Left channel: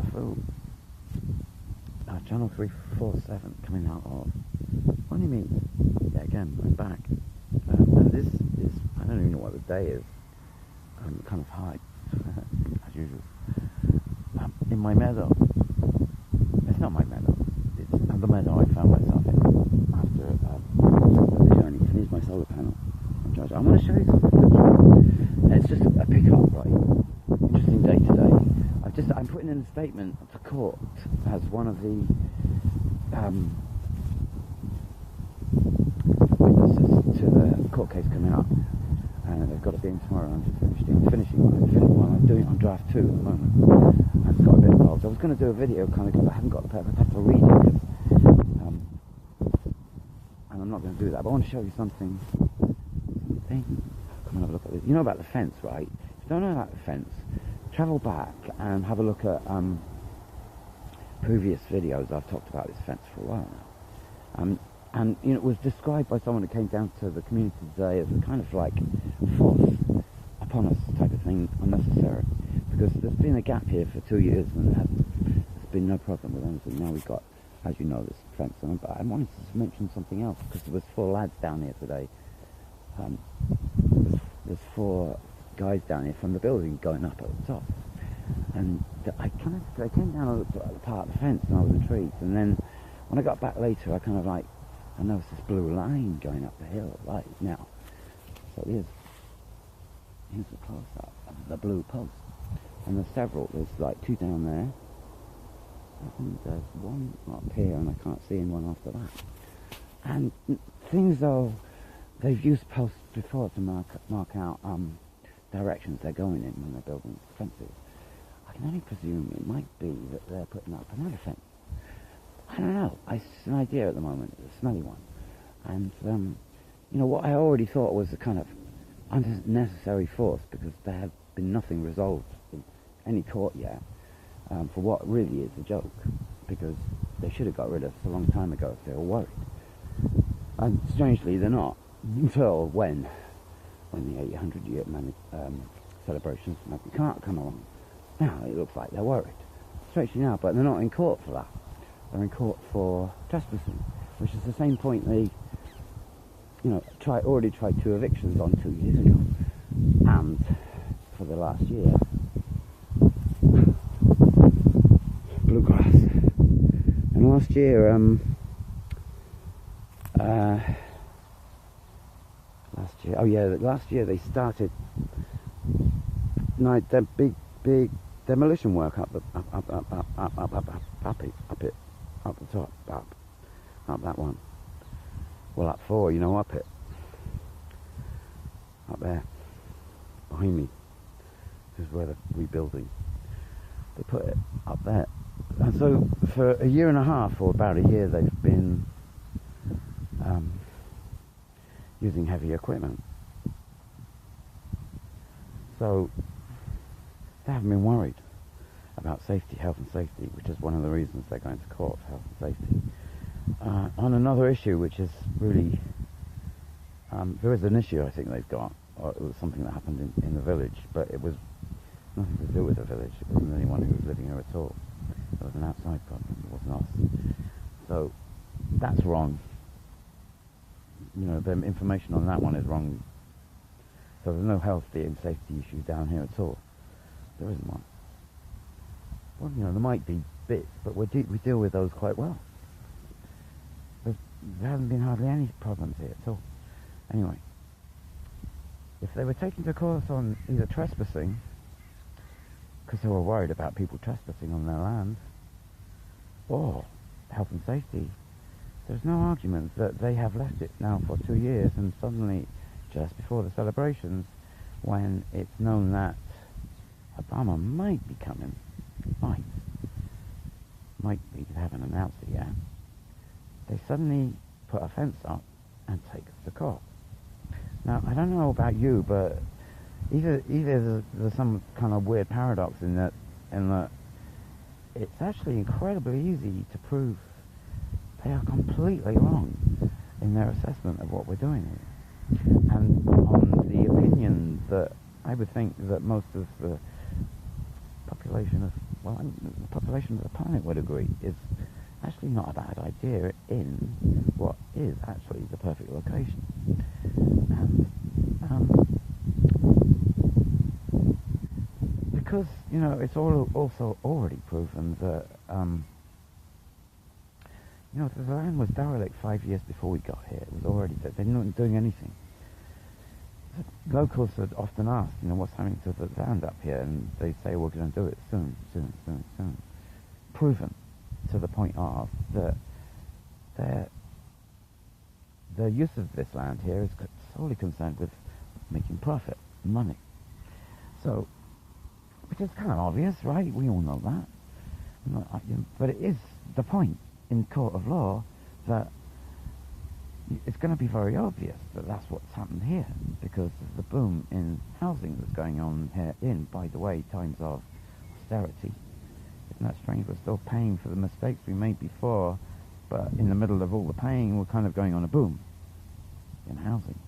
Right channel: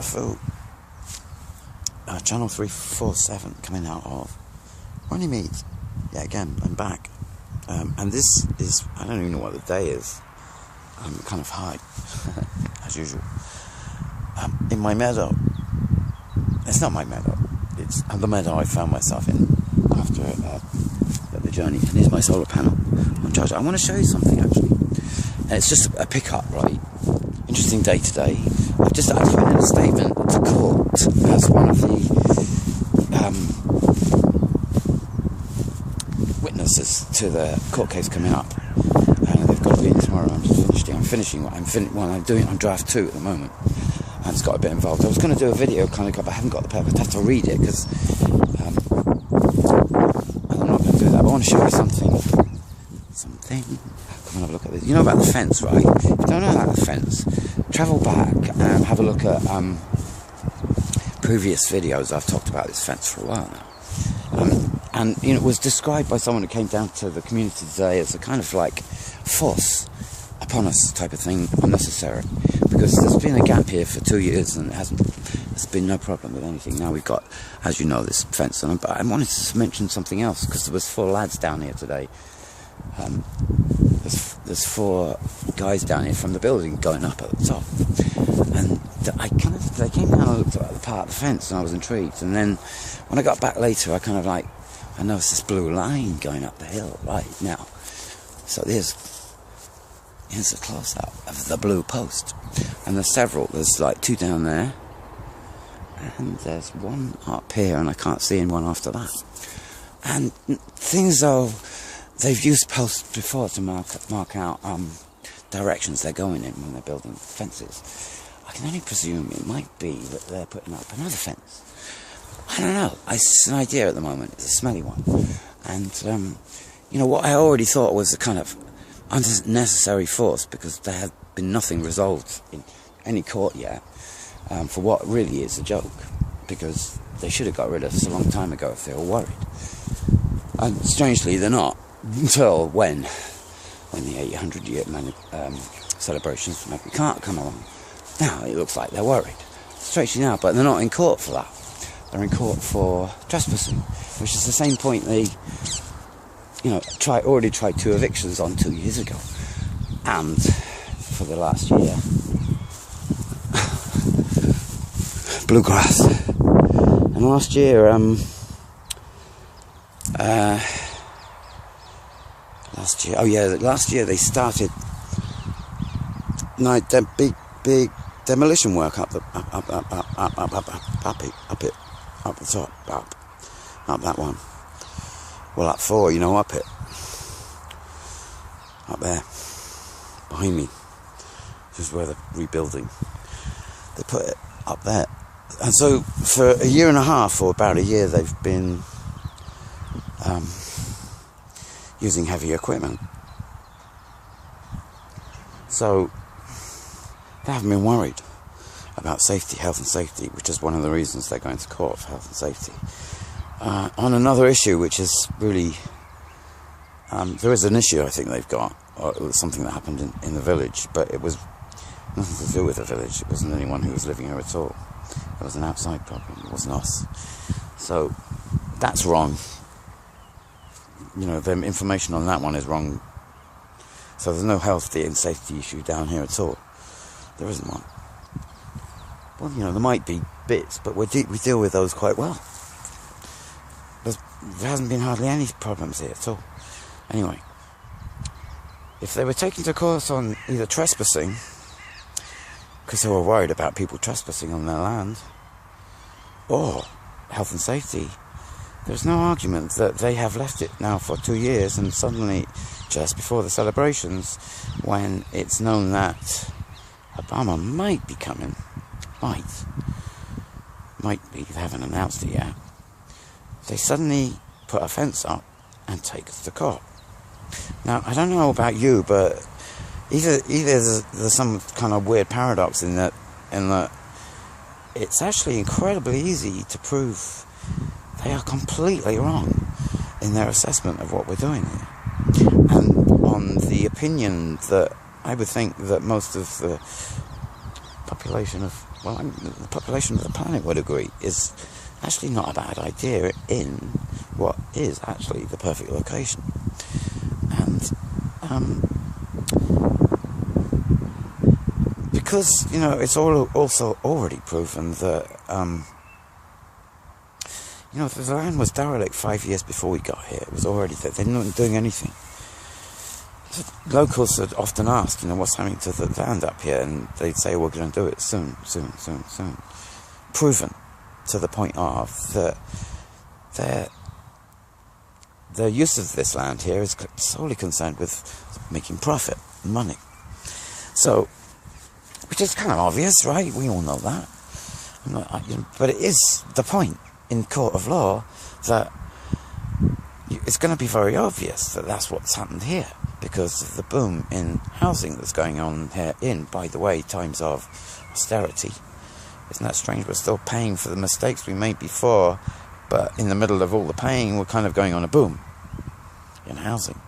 Lefu, channel 347, coming out of Runnymede. Yeah, again, I'm back. And this is, I don't even know what the day is. I'm kind of high, as usual. In my meadow. It's not my meadow. It's the meadow I found myself in after the journey. And here's my solar panel on charge. I want to show you something, actually. It's just a pickup, right? Interesting day today. I've put in a statement to court as one of the witnesses to the court case coming up. And they've got to be in tomorrow. I'm draft 2 at the moment. I just got a bit involved. I was going to do a video kind of, but I haven't got the paper. I'd have to read it because I'm not going to do that. But I want to show you something. Come and have a look at this. You know about the fence, right? If you don't know about the fence, travel back and have a look at previous videos. I've talked about this fence for a while now. And you know, it was described by someone who came down to the community today as a kind of like force upon us type of thing, unnecessary, because there's been a gap here for 2 years and there's been no problem with anything. Now we've got, as you know, this fence on. But I wanted to mention something else because there was 4 lads down here today. There's 4 guys down here from the building going up at the top, and they came down and looked at the part of the fence, and I was intrigued. And then when I got back later, I noticed this blue line going up the hill right now. So here's a close-up of the blue post, and there's several. There's like 2 down there, and there's 1 up here, and I can't see anyone after that. And things though. They've used posts before to mark out directions they're going in when they're building fences. I can only presume it might be that they're putting up another fence. I don't know. It's an idea at the moment. It's a smelly one. And, you know, what I already thought was a kind of unnecessary force, because there had been nothing resolved in any court yet for what really is a joke, because they should have got rid of us a long time ago if they were worried. And strangely, they're not. Until when the 800-year celebrations maybe can't come along. Now it looks like they're worried. Strangely now, but they're not in court for that. They're in court for trespassing, which is the same point they, you know, already tried 2 evictions on 2 years ago, and for the last year, bluegrass. And last year, last year they started big demolition work up the top, up that one. Well, up 4, you know, up it, up there, behind me. This is where they're rebuilding. They put it up there, and so for a year and a half, or about a year, they've been using heavy equipment. So they haven't been worried about safety, health and safety, which is one of the reasons they're going to court for health and safety. On another issue, which is really, there is an issue I think they've got, or it was something that happened in the village, but it was nothing to do with the village. It wasn't anyone who was living here at all. It was an outside problem. It wasn't us. So that's wrong. You know, the information on that one is wrong. So there's no health and safety issue down here at all. There isn't one. Well, you know, there might be bits, but we deal with those quite well. There hasn't been hardly any problems here at all. Anyway, if they were taken to court on either trespassing, because they were worried about people trespassing on their land, or health and safety, there's no argument that they have left it now for 2 years, and suddenly, just before the celebrations, when it's known that Obama might be coming, might be, they haven't announced it yet, they suddenly put a fence up and take us to court. Now, I don't know about you, but either there's some kind of weird paradox in that it's actually incredibly easy to prove they are completely wrong in their assessment of what we're doing here. And on the opinion that I would think that most of the population of, well, the population of the planet would agree, is actually not a bad idea in what is actually the perfect location. And because, you know, it's also already proven that, you know, the land was derelict 5 years before we got here. It was already there. They're not doing anything. So locals had often asked, you know, what's happening to the land up here? And they'd say, we're going to do it soon. Proven to the point of that their use of this land here is solely concerned with making profit, money. So, which is kind of obvious, right? We all know that. But it is the point in court of law that it's going to be very obvious that that's what's happened here because of the boom in housing that's going on here in, by the way, times of austerity. Isn't that strange? We're still paying for the mistakes we made before, but in the middle of all the paying, we're kind of going on a boom in housing.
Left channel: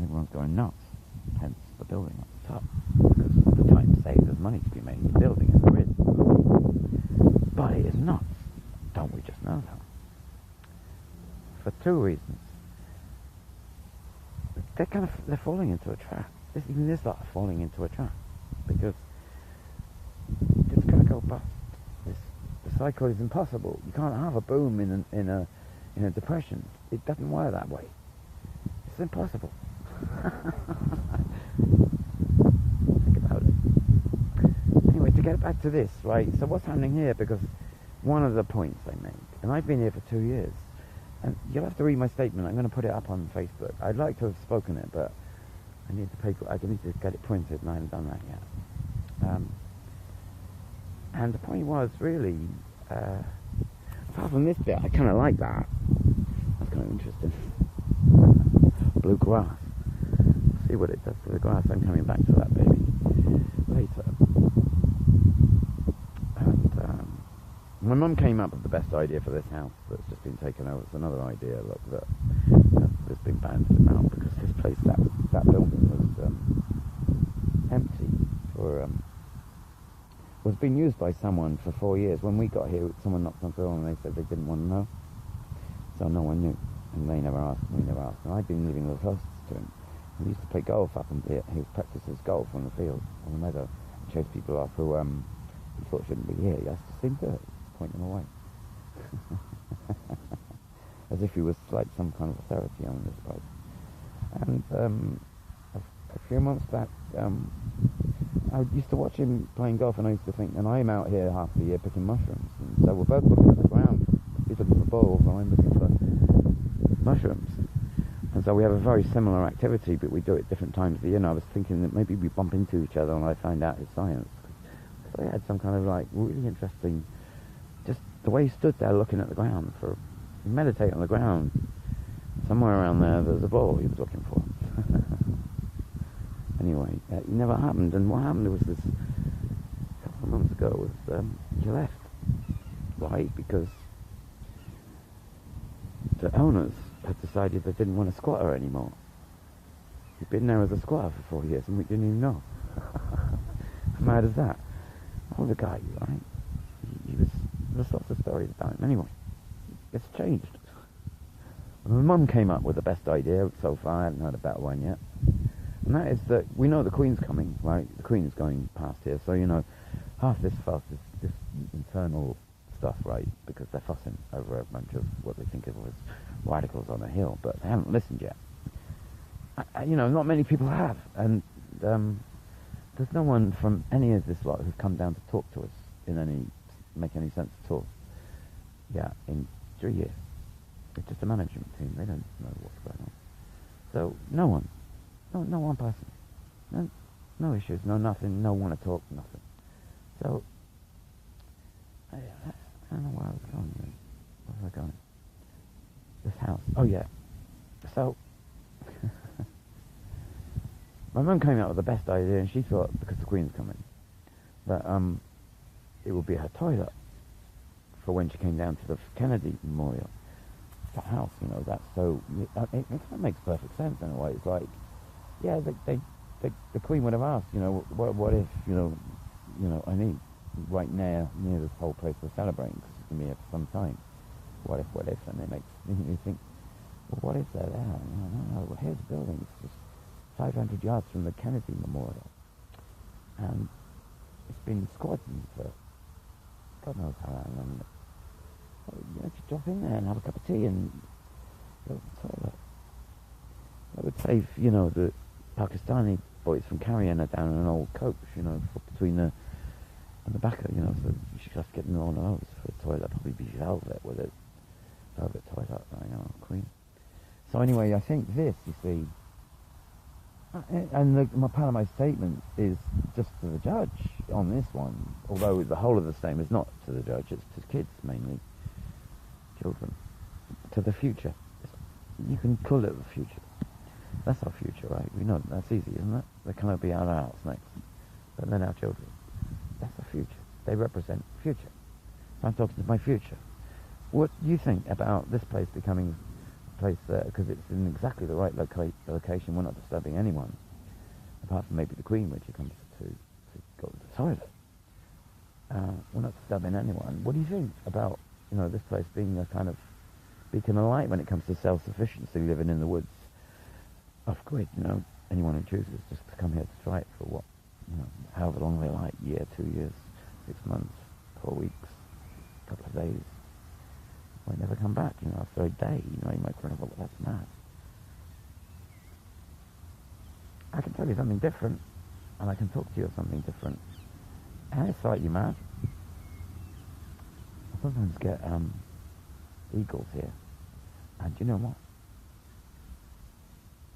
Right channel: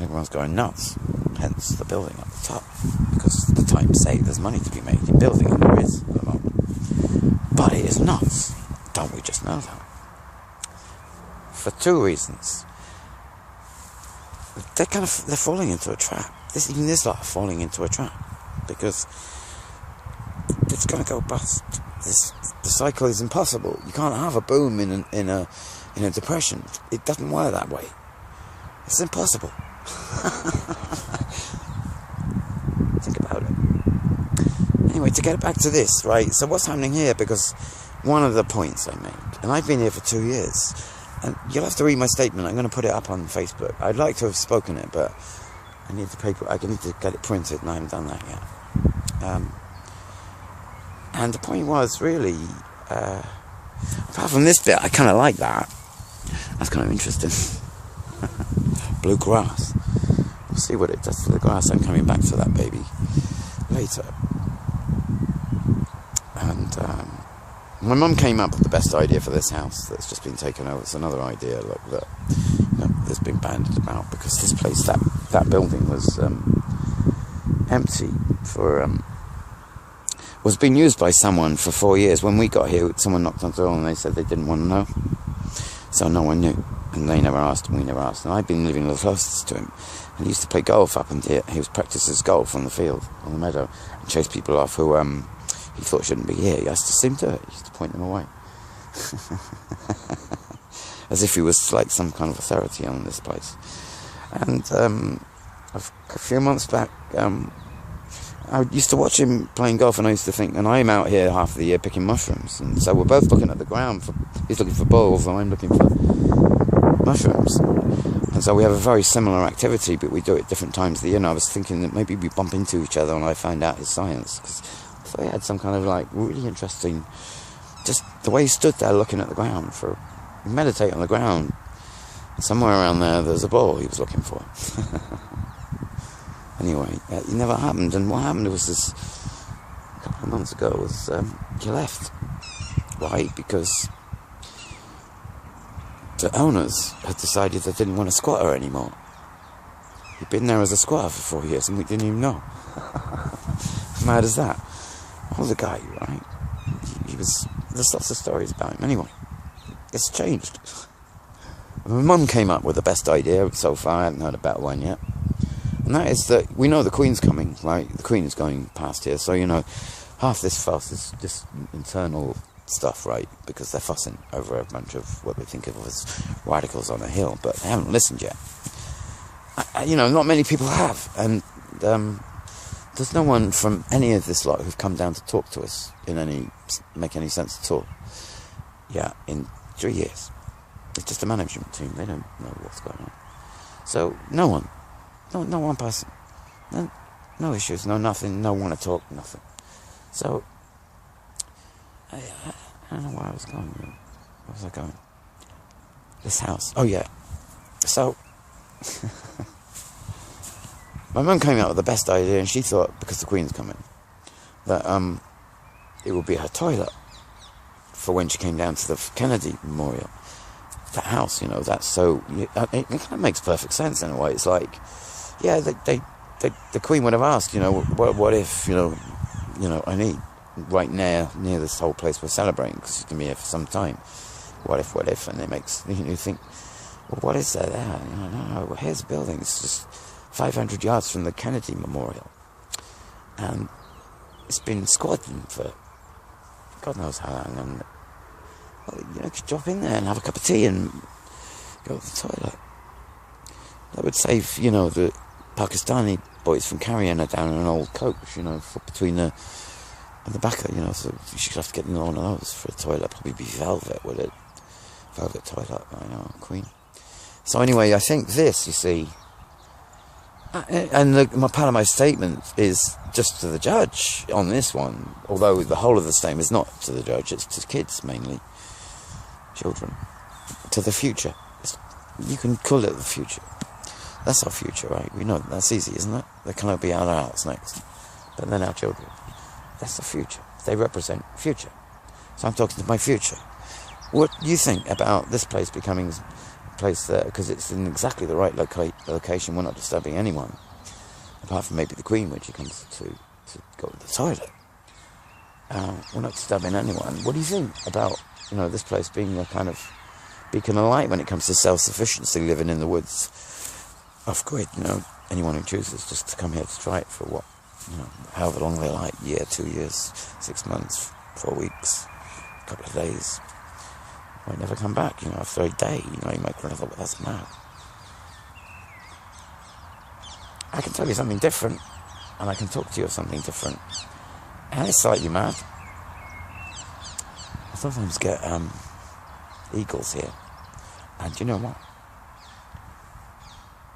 Everyone's going nuts, hence the building at the top, because the times say there's money to be made in building, and there is. But it is nuts. Don't we just know that? For two reasons. They're falling into a trap. Even this lot are falling into a trap, because it's going to go bust. The cycle is impossible. You can't have a boom in a depression. It doesn't work that way. It's impossible. Think about it. Anyway, to get back to this, right? So what's happening here? Because one of the points I made, and I've been here for 2 years, and you'll have to read my statement. I'm going to put it up on Facebook. I'd like to have spoken it, but I need the paper. I need to get it printed, and I haven't done that yet. And the point was really, apart from this bit, I kind of like that. That's kind of interesting. Blue grass. We'll see what it does to the grass. I'm coming back to that baby later. And my mum came up with the best idea for this house that's just been taken over. It's another idea, look, that there's been bandied about, because this place, that building was empty for was being used by someone for 4 years. When we got here, someone knocked on the door and they said they didn't want to know, so no one knew, and they never asked and we never asked. And I've been living the closest to him, and he used to play golf up in here. He was practices golf on the field, on the meadow, and chase people off who he thought shouldn't be here. He used to seem to He used to point them away. As if he was like some kind of authority on this place. And a few months back, I used to watch him playing golf, and I used to think, and I'm out here half the year picking mushrooms, and so we're both looking at the ground. He's looking for balls, and I'm looking for mushrooms. And so we have a very similar activity, but we do it at different times of the year. And I was thinking that maybe we bump into each other, and I find out his science, because I thought he had some kind of like really interesting, just the way he stood there looking at the ground meditate on the ground. Somewhere around there's a ball he was looking for. Anyway, it never happened, and what happened was this, a couple of months ago, was he left. Why? Because the owners had decided they didn't want a squatter anymore. He'd been there as a squatter for 4 years, and we didn't even know. As mad as that. Well, the guy, right? He was, there's lots of stories about him. Anyway, it's changed. My mum came up with the best idea so far. I haven't heard a better one yet. And that is that we know the Queen's coming, right? The Queen is going past here, so, you know, half this fuss is just internal stuff, right? Because they're fussing over a bunch of what they think of as radicals on a hill, but they haven't listened yet. You know, not many people have, and there's no one from any of this lot who've come down to talk to us make any sense at all. Yeah, in 3 years. It's just a management team. They don't know what's going on. So, no one. No one person. No issues, no nothing, no one to talk, nothing. So, I don't know where I was going. Where was I going? This house. Oh, yeah. So, my mum came out with the best idea, and she thought, because the Queen's coming, that it would be her toilet for when she came down to the Kennedy Memorial. That house, you know, that's so... It kind of makes perfect sense in a way. It's like, yeah, they the Queen would have asked, what if, I need right near this whole place we're celebrating, because it's going to be here for some time. What if, and it makes you think, well, what is there? No, well, here's a building. It's just 500 yards from the Kennedy Memorial, and it's been squatting for God knows how long. And you could drop in there and have a cup of tea and go to the toilet. That would save, the Pakistani boys from carrying her down in an old coach, between the and the back of, so she could have to get in one of those for a toilet. Probably be velvet, would it? Velvet toilet, I know, Queen. So anyway, I think this, you see, and my part of my statement is just to the judge on this one, although the whole of the statement is not to the judge, it's to kids mainly, children, to the future. You can call it the future. That's our future, right? We know that's easy, isn't it? There cannot be our adults next, but then our children. That's the future. They represent future. So I'm talking to my future. What do you think about this place becoming a place that, because it's in exactly the right location, we're not disturbing anyone, apart from maybe the Queen when she comes to go to the toilet. We're not disturbing anyone. What do you think about, this place being a kind of beacon of light when it comes to self-sufficiency, living in the woods, off-grid, anyone who chooses just to come here to try it for what, however long they like, year, 2 years, 6 months, 4 weeks, a couple of days, might never come back, after a day, you might think, well, that's mad. I can tell you something different, and I can talk to you of something different, and it's slightly mad. I sometimes get eagles here, and you know what?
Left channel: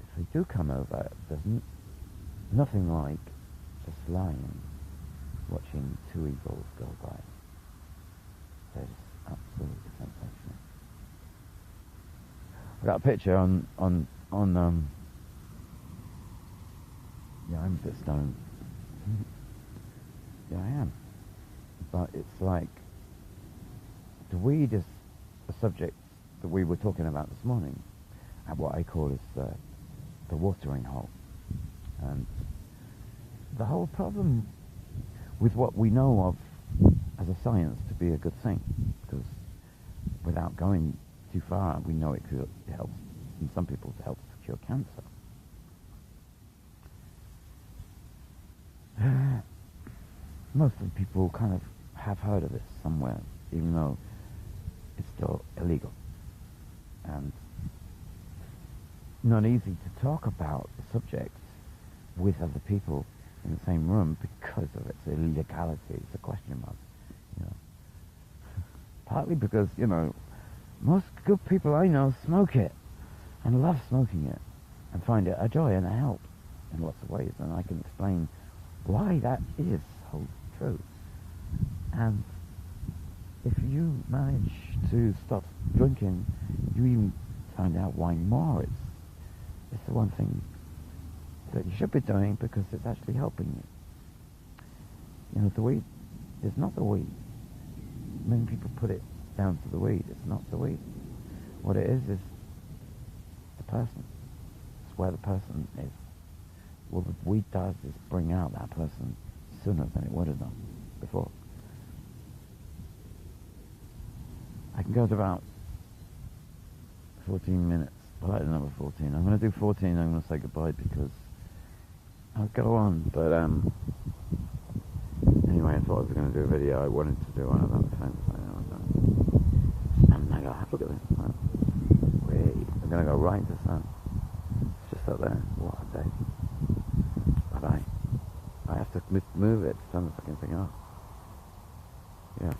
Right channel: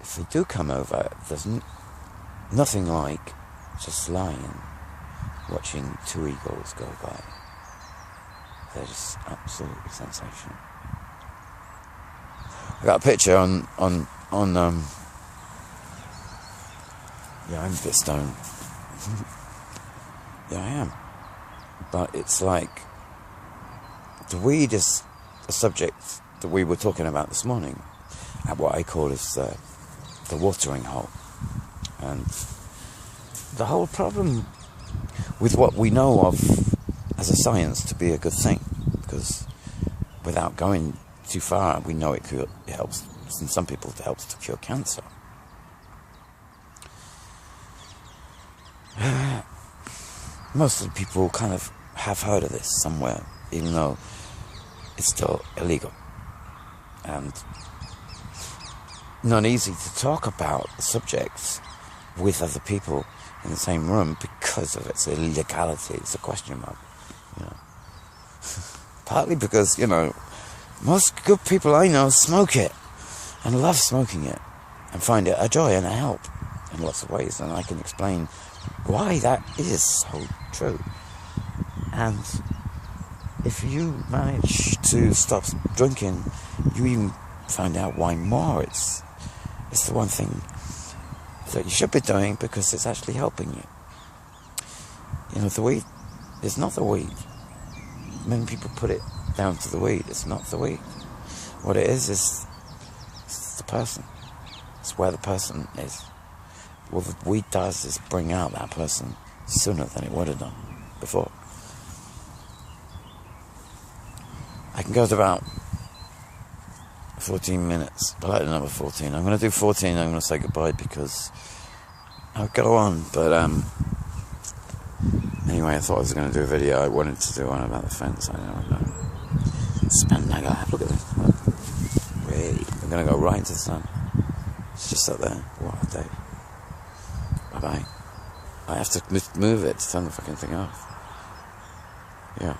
If they do come over, there's nothing like just lying, watching 2 eagles go by. They're just absolutely sensational. I got a picture on yeah, I'm a bit stoned. Yeah, I am. But it's like, the weed is a subject that we were talking about this morning, at what I call is the watering hole. And the whole problem with what we know of as a science to be a good thing, because without going too far, we know it helps, in some people it helps to cure cancer. Most of the people kind of have heard of this somewhere, even though it's still illegal. And not easy to talk about the subjects with other people in the same room because of its illegality. It's a question mark, Partly because, most good people I know smoke it and love smoking it and find it a joy and a help in lots of ways, and I can explain why that is so true. And if you manage to stop drinking, you even find out why more. It's the one thing that you should be doing because it's actually helping you. The weed is not the weed. Many people put it down to the weed. It's not the weed. What it is it's the person. It's where the person is. What the weed does is bring out that person sooner than it would have done before. I can go to about 14 minutes, but I like the number 14. I'm going to do 14, I'm going to say goodbye because I'll go on, but anyway, I thought I was going to do a video. I wanted to do one about the fence. I don't know. Spandagger, look at this. Wait, I'm going to go right into the sun. It's just up there. What a day. Bye-bye. I have to move it to turn the fucking thing off. Yeah.